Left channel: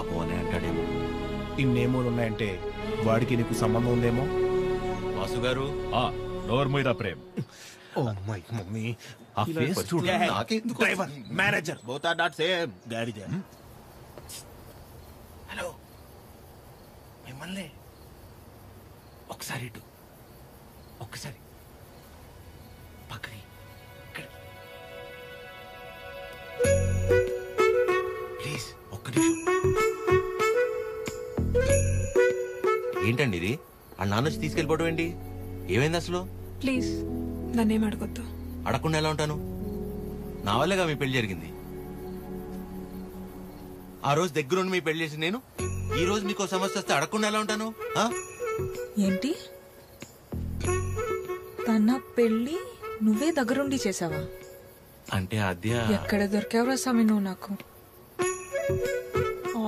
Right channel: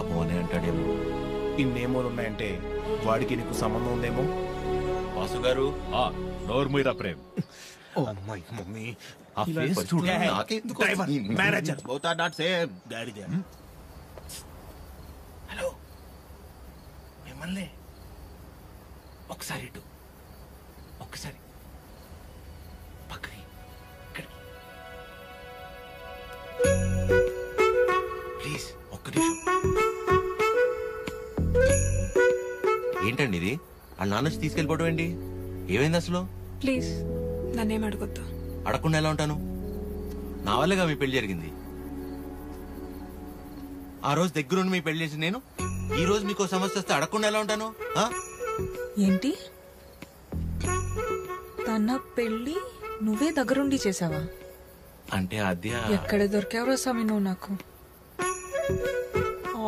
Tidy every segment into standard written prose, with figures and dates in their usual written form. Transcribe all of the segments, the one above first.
పాపం అనే అంటాడేమో. ఇన్నేమోలున్నాయంటే వాడికి నీకు సంబంధం ఉందేమో. వాసు గారు నోర్మీరా ప్రేమ్. ఓ మై మమ్మీ, ఆ ఫేస్ చూడు. Driver, manager both are not same. గాడిద. హలో, మిమ్మల్ని ఒకసారి ఇటు, ఒక్కసారి పక్కకి, ఇక్కడికి ప్లీజ్, ఒక్క నిమిషం. ఏంటండి ఇది? ఆ నాన్న వచ్చి తీసుకెళ్ళిపోవడం ఏంటి? ఏమైంది అసలు? ప్లీజ్ నన్నేం అడగొద్దు. అడగకుండా ఎలా ఉంటాను? నా వల్లేగా మీ పెళ్లి జరిగింది. ఆ రోజు దగ్గరుండి మీ పెళ్లి చేసి నేను ఈ రోజు మీకు సమస్య వస్తే అడగకుండా ఎలా ఉంటాను? ఏంటి, తన పెళ్లి నువ్వే దగ్గరుండి చేసావా? అంటే అద్య ఎక్కడ దొరికావురా స్వామి నువ్వు నాకు?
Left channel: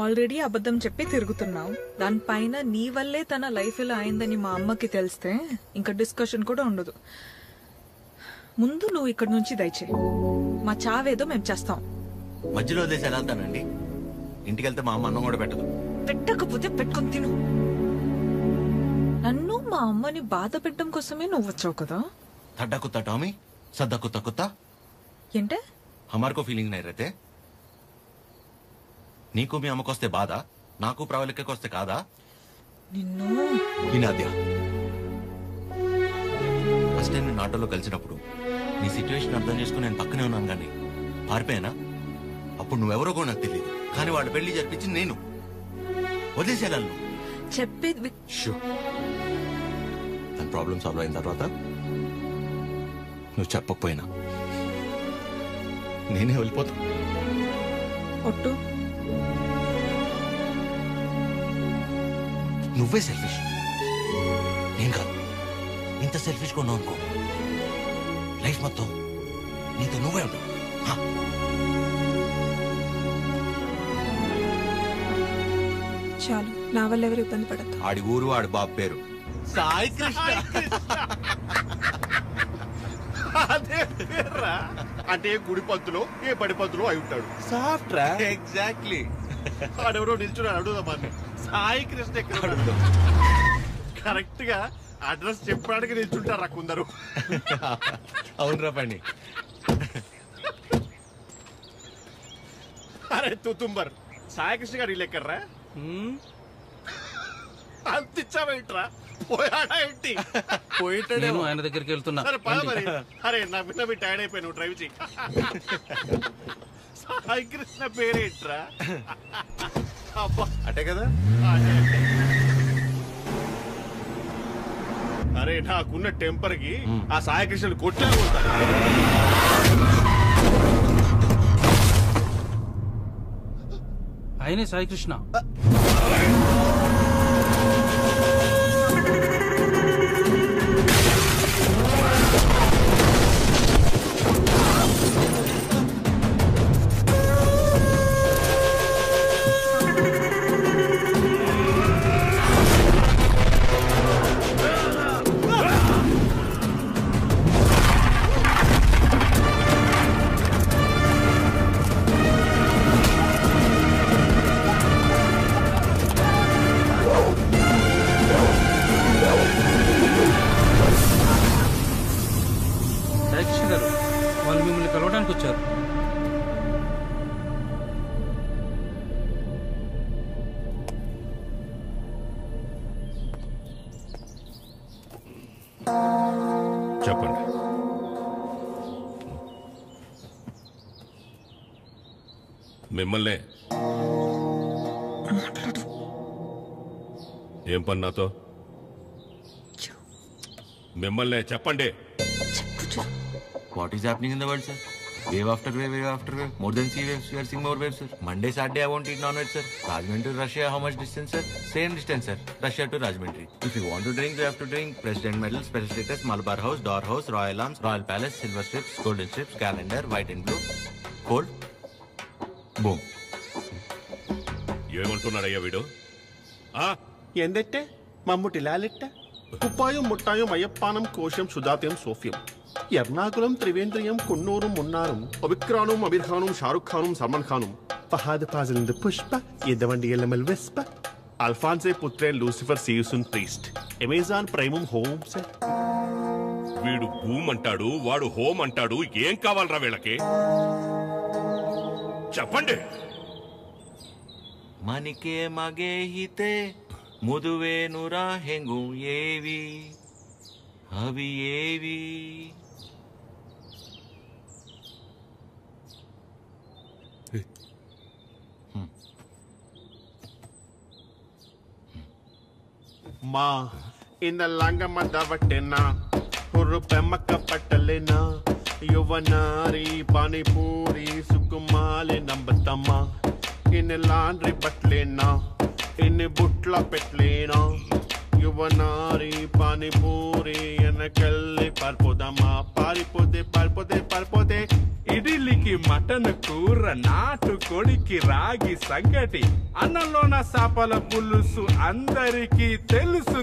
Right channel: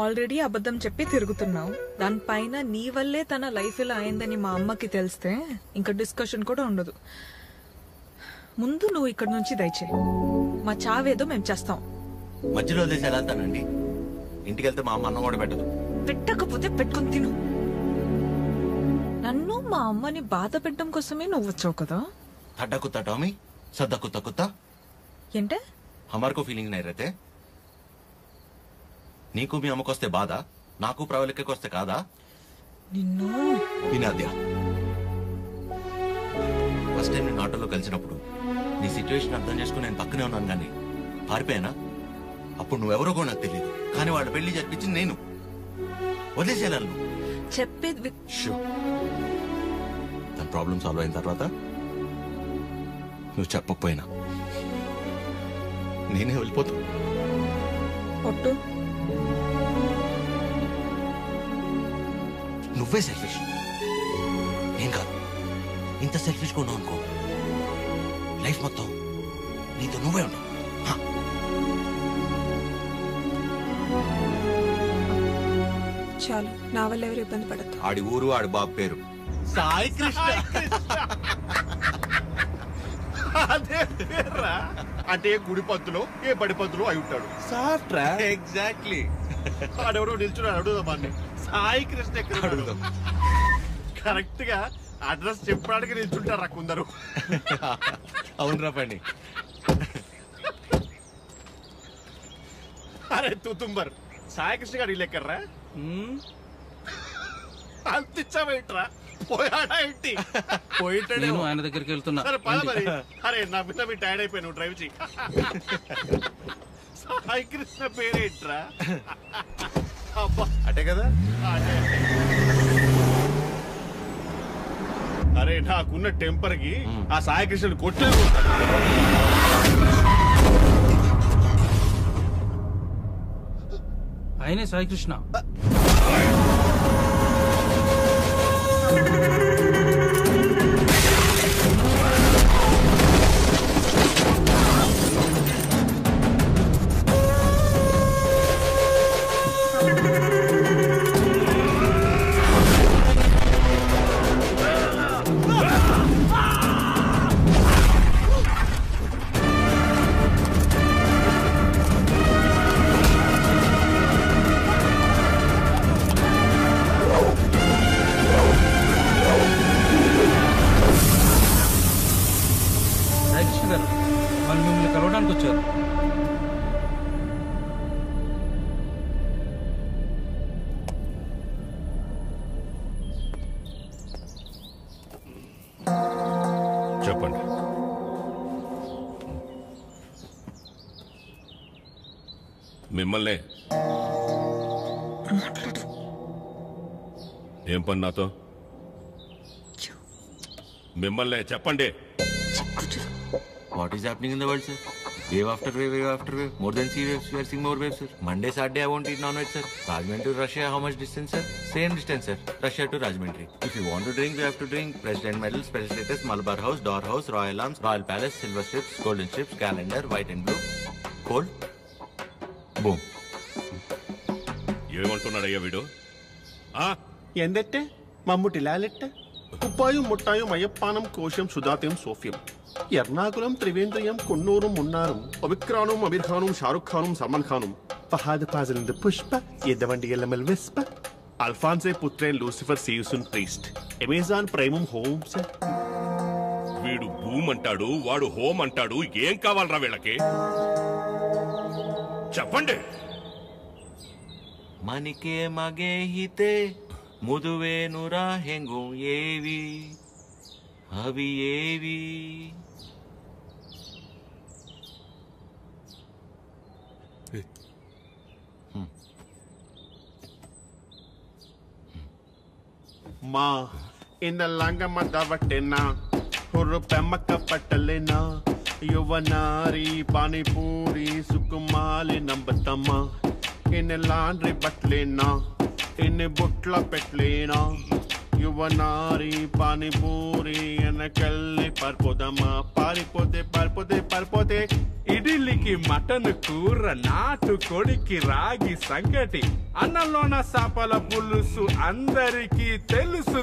ఆల్రెడీ అబద్ధం చెప్పి తిరుగుతున్నావు. దానిపైన నీ వల్లే తన లైఫ్ ఇలా అయిందని మా అమ్మకి తెలిస్తే ఇంకా డిస్కషన్ కూడా ఉండదు. ముందు నువ్వు ఇక్కడి నుంచి దయచేయి. మా చావేదో మేము చేస్తాం. మధ్యలో వదిలేసి ఎలా వెళ్తానండి? ఇంటికి వెళ్తే మా అమ్మ అన్నం కూడా పెట్టదు. పెట్టకపోతే పెట్టుకుని తిను. నన్ను మా అమ్మని బాధ పెట్టడం కోసమే నువ్వు వచ్చావు కదా. తడ్డా కుత్తా టామీ, సద్దా కుత్తా కుత్తా. ఏంటే हमारे को फीलिंग नहीं रहते? నీకు మీ అమ్మకొస్తే బాధ, నాకు ప్రవళికకొస్తే కాదా? నిన్ను వినాద్య, ఫస్ట్ టైం నేను ఆటోలో కలిసినప్పుడు నీ సిచ్యువేషన్ అర్థం చేసుకుని నేను పక్కనే ఉన్నాను కానీ పారిపోయానా? అప్పుడు నువ్వెవరో కూడా నాకు తెలియదు, కానీ వాళ్ళ పెళ్లి జరిపించింది నేను. వదిలేసేయాలి నువ్వు. చెప్పేది తన ప్రాబ్లం సాల్వ్ అయిన తర్వాత నువ్వు చెప్పకపోయినా నేనే వెళ్ళిపోతా. ఒట్టు. నువ్వే సెల్ఫిష్, నేను కాదు. ఇంత సెల్ఫిష్గా ఉన్నావు అనుకో, లైఫ్ మొత్తం నీతో నువ్వే ఉంటావు. చాలు, నా వల్ల ఎవరు ఇబ్బంది పడద్దు. ఆడి ఊరు, ఆడి బాబు పేరు సాయి కృష్ణ. అదే పేర్రా. అంటే ఏ గుడి పంతులో ఏ బడి పంతులో అయి ఉంటాడు. సాఫ్ట్ రా. ఎగ్జాక్ట్లీ. ఆడెవరో నిల్చున్నాడు, అడుగుదాం. సాయి కృష్ణ ఎక్కడ అడుగుదాం. కరెక్ట్ గా అడ్రస్ చెప్పడానికి నిల్చుంటారా కొందరు. అవునరా పండి. అరే తుతుంబర్, సాయి కృష్ణ గారు ఇల్లు ఎక్కర్రా? అంతిచ్చావేంట్రా? పోయాడా ఏంటి? పోయిటాడు. ఆయన దగ్గరికి వెళ్తున్నా. సరే పద మరి. అరే నా పిల్ల మీ టైర్డ్ అయిపోయి నువ్వు డ్రైవ్ చేయి. సాయి కృష్ణ పేరేంట్రా? అబ్బా అటే కదా. అరే నాకున్న టెంపర్ కి ఆ సాయి కృష్ణుని కొట్లే ఉంటాడు. ఆయనే సాయి కృష్ణ. సాయికృష్ణ గారు, వాళ్ళు మిమ్మల్ని కలవడానికి వచ్చారు. చెప్పండి. మిమ్మల్నే. ఏం పని నాతో? మిమ్మల్నే చెప్పండి. What is happening in the world, sir? Wave after wave, wave after wave. More than sea waves, we are seeing more waves, sir. Monday, Saturday, I won't eat non-veg, sir. Rajahmundry to Russia, how much distance, sir? Same distance, sir. Russia to Rajahmundry. If you want to drink, you have to drink. President Medal, Special Status, Malabar House, Door House, Royal Arms, Royal Palace, Silver Strips, Golden Strips, Calendar, White and Blue. Cold. Boom. ఏమంటున్నాడయ్యా వీడు? ఎందెట్టే మమ్ముటి లాలెట్ట కుప్పాయం ముట్టాయం అయ్యప్పానం కోశం సుధాత్యం సోఫ్యం ఎర్నాకులం త్రివేంద్రియం కొన్నూరు మున్నారం అభిక్రానం అమీర్ ఖానం షారుఖ్ ఖానం సల్మాన్ ఖానం Fahad Fazilind Pushpa, Yedavandi Elemal Vespa, Alphonse Putren Lucifer Seusun Priest, Amazon Primum Home, sir. వీడు భూమ్ అంటాడు, వాడు హోమ్ అంటాడు. ఏం కావాలరా వీళ్ళకి? చెప్పండి. మనికే మగే హితే ముదువే నురా హెంగు ఏవి అవి ఏవి? Ma in the Langama Davatena, Huru Pemaka Patalena, Yuvanari, Panipuri, Sukumali, Nambatama, in a laundry batlena, in a butla petlena, Yuvanari, Panipuri, and a Kelly Parpodama, Paripode. ఇడ్లీకి మటన్ కూర, నాటు కోడికి రాగి సంగటి, అన్నంలోన చేపల పులుసు అందరికీ తెలుసు.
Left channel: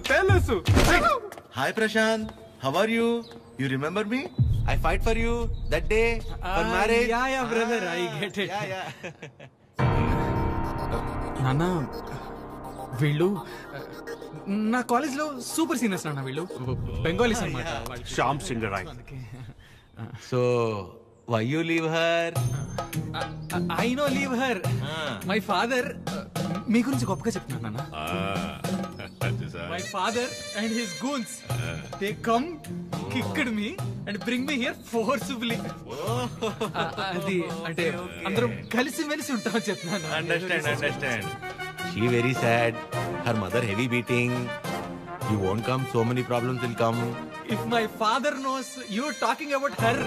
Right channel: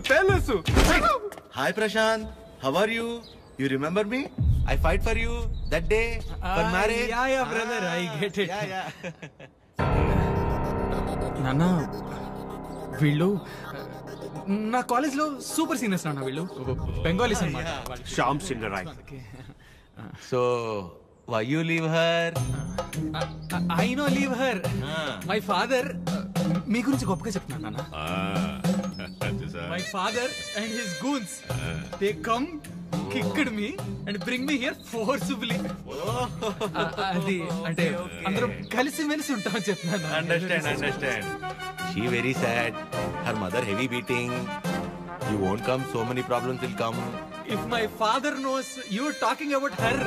Hi Prashanth, how are you? You remember me? I fight for you that day for marriage. Yeah brother, I get it. నాన్న, వీళ్ళు నా కాలేజ్ లో సూపర్ సీనియర్స్ నాన్న. వీళ్ళు బెంగాలీస్ అన్నమాట. Shyam Singh Rai. So why you leave her? I no leave her. My father మీ గురించి గొప్పగా చెప్తున్నాను నాన్న. My father and his goons, they come kicked me and bring me here forcefully. అది అంటే అందరం కలిసి మెలిసి ఉంటామని చెప్తున్నాను. Understand. She very sad, her mother heavy beating. You won't come, so many problems will come. If my father knows you're talking about her,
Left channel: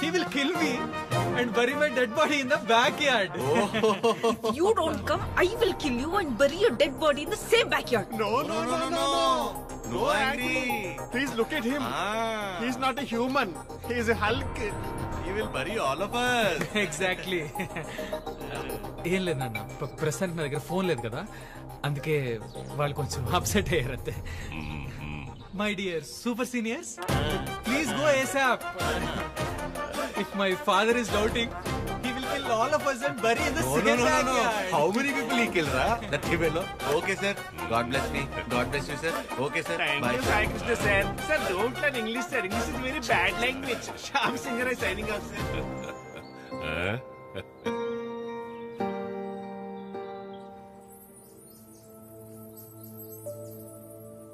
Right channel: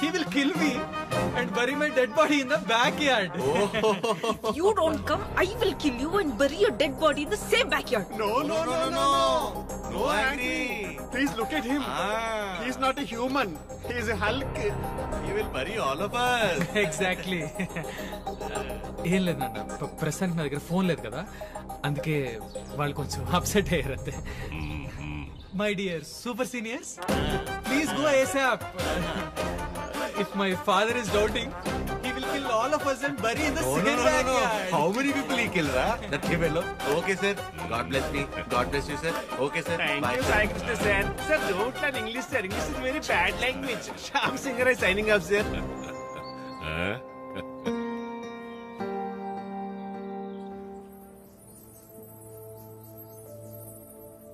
he will kill me and bury my dead body in the backyard. If you don't come, I will kill you and bury your dead body in the same backyard. No, angry. Please look at him. He's not a human. He's a Hulk. He will bury all of us. Exactly. ఏం లేదు నాన్న, ప్రస్తుతానికి నా దగ్గర phone లేదు కదా, అందుకే వాళ్ళు కొంచెం అప్సెట్ అయ్యారు అంతే. My dear super seniors, please go ASAP. If my father is doubting, he will kill all of us and bury in the same backyard. How many people he kill, ra? That fellow. Okay, sir. God bless me. God bless you, sir. Okay, sir. Thank Bye, you, Sai Krishna, sir. Sir, don't learn English, sir. English is very bad language. Shyam Singh Rai signing off, sir.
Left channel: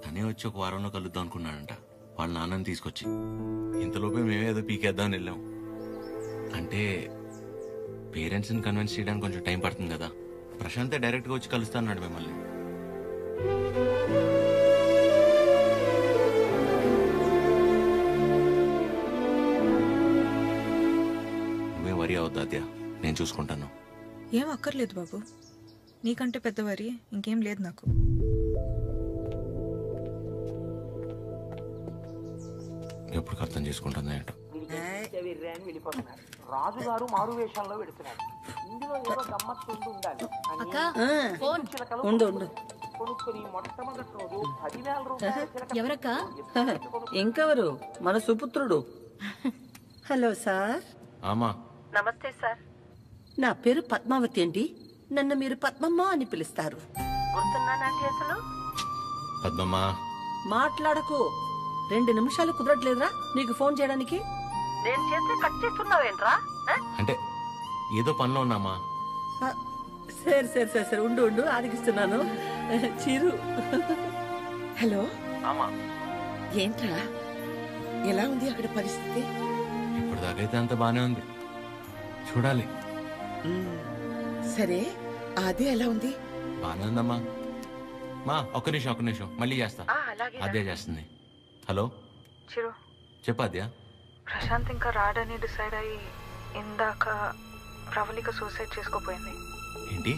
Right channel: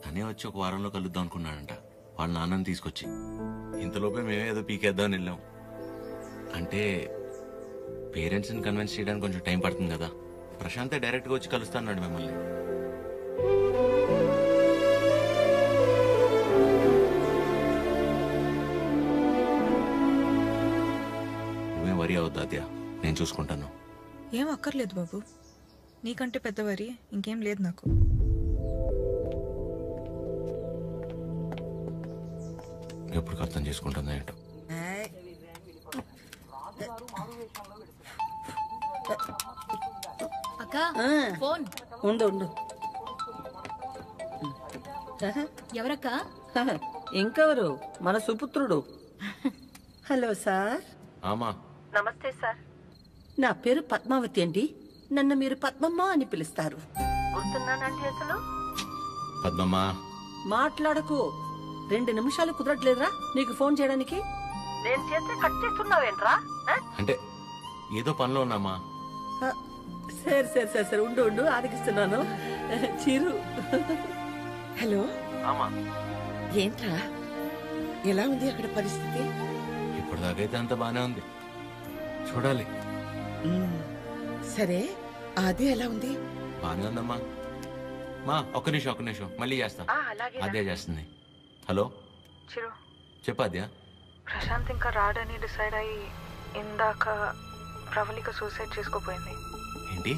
తనే వచ్చి ఒక వారంలో కలుద్దాం అనుకున్నాడంట వాళ్ళ నాన్నని తీసుకొచ్చి. ఇంతలోపే మేమేదో పీకేద్దామని వెళ్ళాం. అంటే పేరెంట్స్ని కన్విన్స్ చేయడానికి కొంచెం టైం పడుతుంది కదా. ప్రశాంతే డైరెక్ట్గా వచ్చి కలుస్తాన్నాడు మిమ్మల్ని. నువ్వేం వరి అవద్దు అద్యా, నేను చూసుకుంటాను. ఏం అక్కర్లేదు బాబు, నీకంటే పెద్దవారి ఇంకేం లేదు నాకు. ఎప్పుడు అర్థం చేసుకుంటుందో ఏంటో. అక్క ఫోన్ ఉండు. ఎవరక్క? ఇంకెవరు, మన సుపుత్రుడు. Hello sir. ఆమా. నమస్తే సార్. నా పేరు పద్మావతి అండి. నన్ను మీరు పద్మమ్మ అని పిలుస్తారు. గుర్తున్నానండి అసలు? పద్మమ్మ. మాట్లాడకు. 2 నిమిషాలు కుదరట్లేదురా నీకు ఫోన్ చేయడానికి? నేను చేస్తే కట్ చేస్తున్నావేంట్రా? అంటే ఏదో పనిలో ఉన్నామా. సరే ఉండు ఆదికిస్తున్నాను. చిరు. హలో. ఆమా. ఏంట్రా, ఎలా ఉంది అక్కడ పరిస్థితి? ఇప్పటిదాకైతే అంత బానే ఉంది, చూడాలి. సరే, అదే ఎలా ఉంది? బానే ఉందమ్మా. మా ఒక్క నిమిషం మళ్ళీ చేస్తా. అదే చేస్తుంది. హలో చిరు, చెప్పద్యా. ప్రశాంత్ ఇంకా రాడని డిసైడ్ అయ్యి ఇందాక ప్రవళిక సూసైడ్ చేసుకోపోయింది. ఏంటి?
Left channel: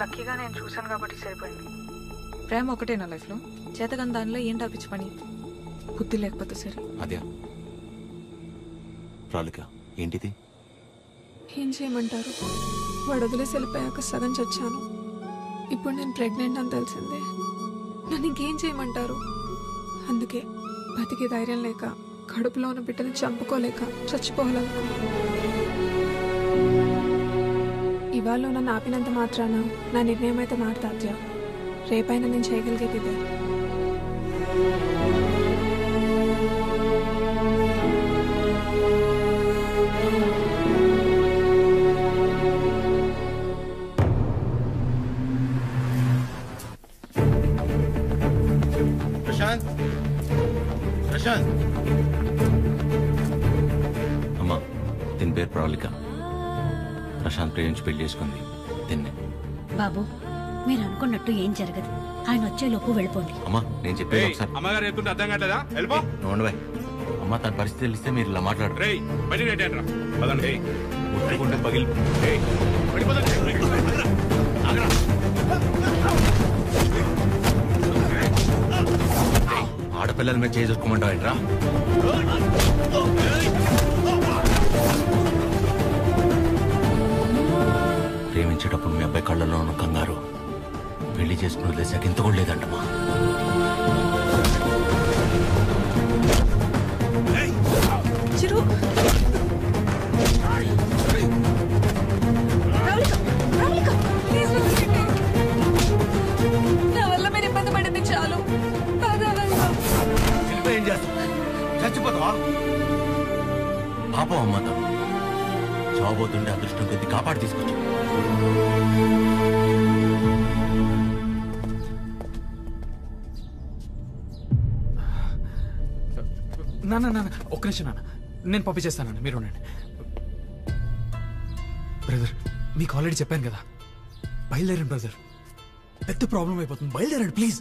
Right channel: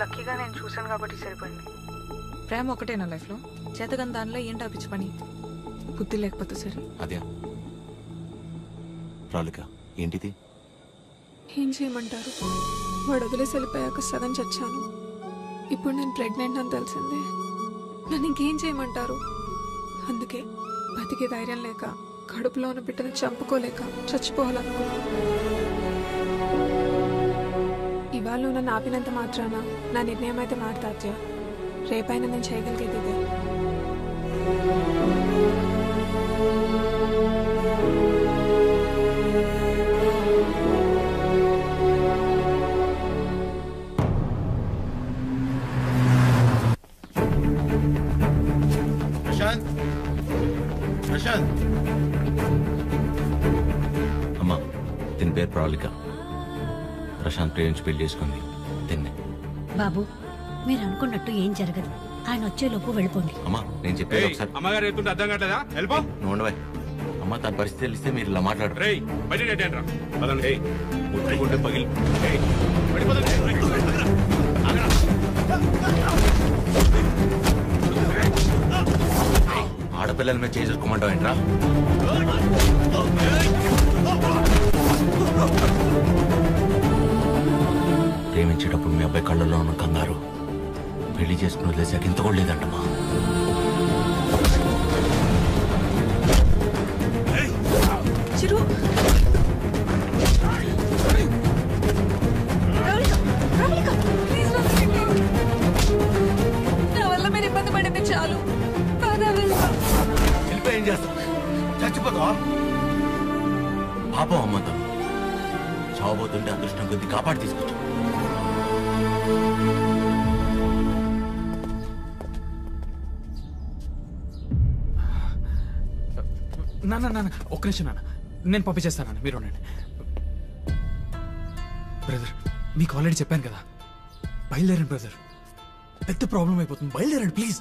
లక్కీగా నేను చూశాను కాబట్టి సరిపోయింది. ప్రేమ ఒకటే నా లైఫ్లో, చేతగాని దానిలో ఏంటి ఆపించి పని? బుద్ధి లేకపోతే సరే. అద్యా ప్రవళిక ఏంటిది? ఏం చేయమంటారు, వాడు వదిలేసి వెళ్ళిపోయాక సగం చచ్చాను. ఇప్పుడు నేను ప్రెగ్నెంట్ అని తెలిసిందే. నన్ను ఇంకేం చేయమంటారు? అందుకే బతికే ధైర్యం లేక, కడుపులో ఉన్న బిడ్డను చంపుకోలేక చచ్చిపోవాలనుకున్నాను. ఇవాళ నువ్వు నన్ను ఆపినంత మాత్రాన నా నిర్ణయం అయితే మారుతాద్య. రేపైనా నేను చేయగలిగేది ఇదే. ప్రశాంత్, ప్రశాంత్. అమ్మా, దీని పేరు ప్రవళిక. ప్రశాంత్ ప్రేమించి పెళ్లి చేసుకుంది తిన్నే. బాబు, మీరు అనుకున్నట్టు ఏం జరగదు. ఆయన వచ్చేలోపు వెళ్ళిపోండి. అమ్మా, నేను చెప్పేది ఒకసారి. అమ్మగారు ఎత్తుంటే అర్థం కావట్లేదా? వెళ్ళిపో. నోండవే. అమ్మ, తన పరిస్థితి తెలిస్తే మీరు ఇలా మాట్లాడరు. రేయ్, బయట నెట్టండి రా. పదండి. ముట్టుకుంటే పగిలి. ఆడపిల్లల మీద చేసుకోమంటావు ఏంట్రా? ప్రేమించేటప్పుడు మీ అబ్బాయి కళ్ళల్లో ఉన్న కంగారు పెళ్లి చేసుకుని వదిలేసాక ఇంత కూడా లేదంటమ్మా. చిరు, నా వల్ల మీరు ఇబ్బంది పడింది చాలు. ఏం చేస్తావు? చచ్చిపోతావా? పాపం అమ్మ, తను చావబోతుంటే అదృష్టం కొద్ది కాపాడి తీసుకొచ్చు. నాన్న ఒక్క నిమిషం నాన్న, నేను పంపించేస్తాను. మీరు ఉండండి. బ్రదర్, మీకు ఆల్రెడీ చెప్పాను కదా, బయలుదేరండి బ్రదర్. పెద్ద ప్రాబ్లం అయిపోతుంది, బయలుదేరండి ప్లీజ్.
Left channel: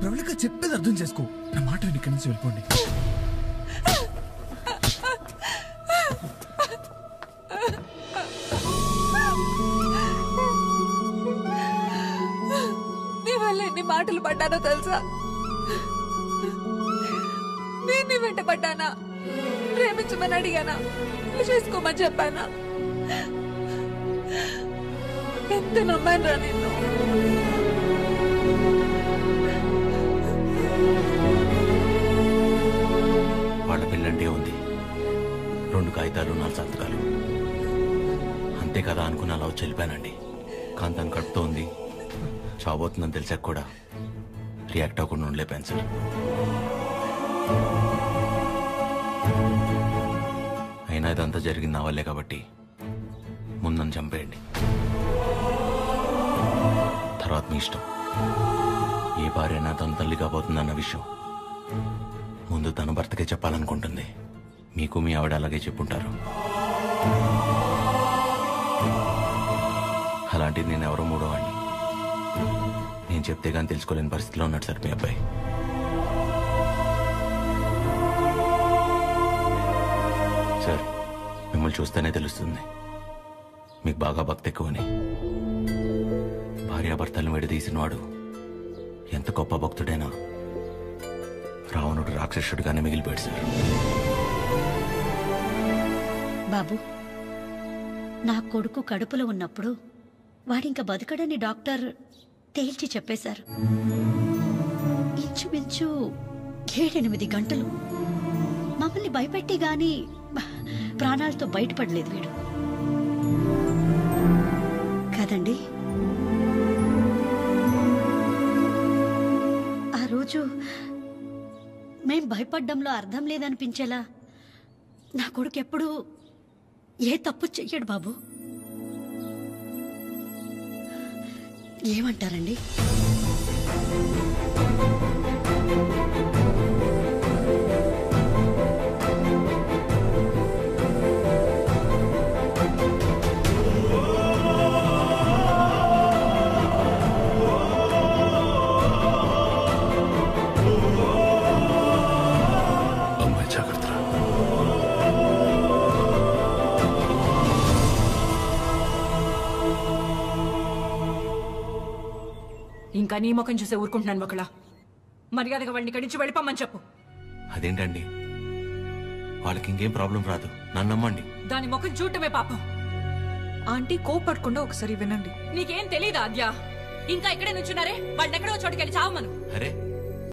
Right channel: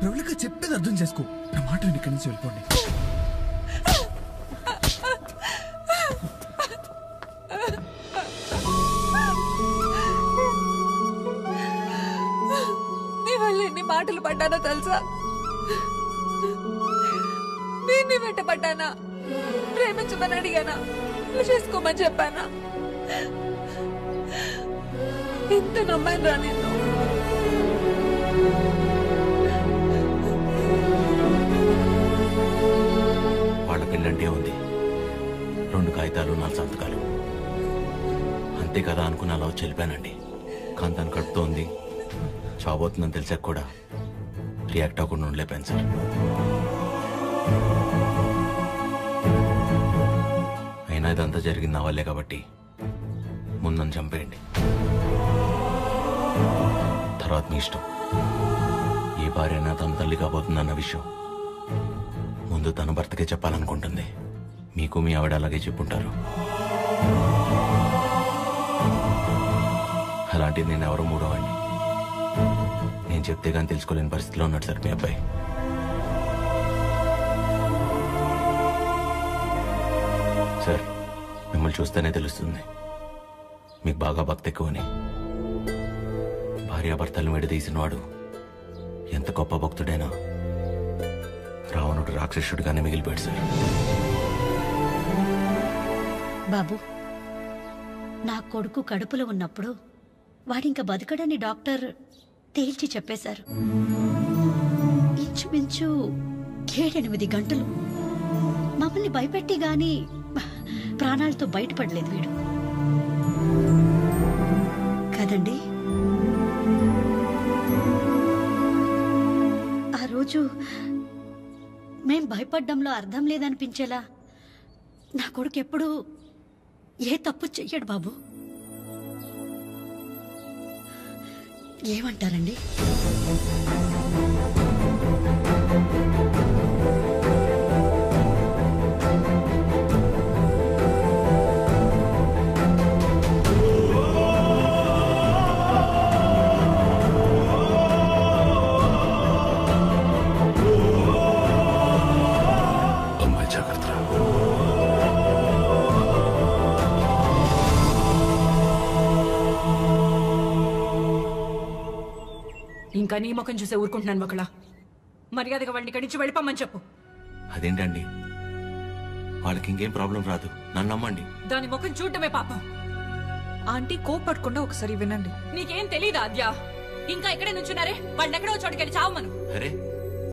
ప్రవళిక చెప్పేది అర్థం చేసుకో. నా మాట విని ఇక్కడి నుంచి వెళ్ళిపోండి. నీ వల్ల ఎన్ని మాటలు పడ్డానో తెలుసా? నేను నీ వెంట పడ్డానా? ప్రేమించమని అడిగానా? పెళ్లి చేసుకోమని చెప్పానా? ఎంత నమ్మాను రా నిన్ను. వాళ్ళ పెళ్ళంటే ఉంది 2 కాగితాలు 4 సంతకాలు అంతే కదా అనుకుని అలా వచ్చి వెళ్ళిపోయానండి. కానీ తను కడుపుతో ఉంది, చావబోతుందని తెలిసాక కూడా రియాక్ట్ అవ్వకుండా ఉండలేపాను సార్. అయినా ఇదంతా జరిగింది నా వల్లే కాబట్టి ముందని చంపేయండి, తర్వాత మీ ఇష్టం. ఏ భార్య అయినా తన తల్లి కాబోతుందన్న విషయం ముందు తన భర్తకే చెప్పాలనుకుంటుంది. మీకు మీ ఆవిడ అలాగే చెప్పుంటారు. అలాంటిది నేను ఎవరో మూడోవాడిని. నేను చెప్తే కానీ తెలుసుకోలేని పరిస్థితిలో ఉన్నాడు సార్ మీ అబ్బాయి. సార్, మిమ్మల్ని చూస్తేనే తెలుస్తుంది మీకు బాగా భక్తి ఎక్కువని. భార్యాభర్తలను విడదీసినవాడు ఎంత గొప్ప భక్తుడైనా రావణుడు రాక్షసుడిగానే మిగిలిపోయాడు సార్. బాబు, నా కొడుకు కడుపులో ఉన్నప్పుడు వాడింక బతకడని డాక్టర్ తేల్చి చెప్పేశారు. ఇంచుమించు 7-8 గంటలు మమ్మల్ని భయపెట్టి గాని ప్రాణాలతో బయటపడలేదు వీడు కదండి. ఆ రోజు మేం భయపడ్డంలో అర్థం లేదనిపించేలా నా కొడుకు ఎప్పుడూ ఏ తప్పు చెయ్యడు బాబు. ఏమంటారండి? అమ్మాయి జాగ్రత్త. ఇంకా నీ ముఖం చూసే ఊరుకుంటున్నాను ఒకలా. మర్యాదగా వాడిని ఇక్కడి నుంచి వెళ్ళిపోమని చెప్పు. అదేంటండి, వాళ్ళకి ఇంకేం ప్రాబ్లం రాదు, నన్ను నమ్మండి. దాని ముఖం చూడటమే పాపం. ఆంటీ కోపడకుండా ఒకసారి వినండి. నీకేం తెలీదా ఆద్య? ఇంకా ఇక్కడే నుంచున్నారే, వాళ్ళని ఎక్కడో చోటుకెళ్ళి చావమను. అరే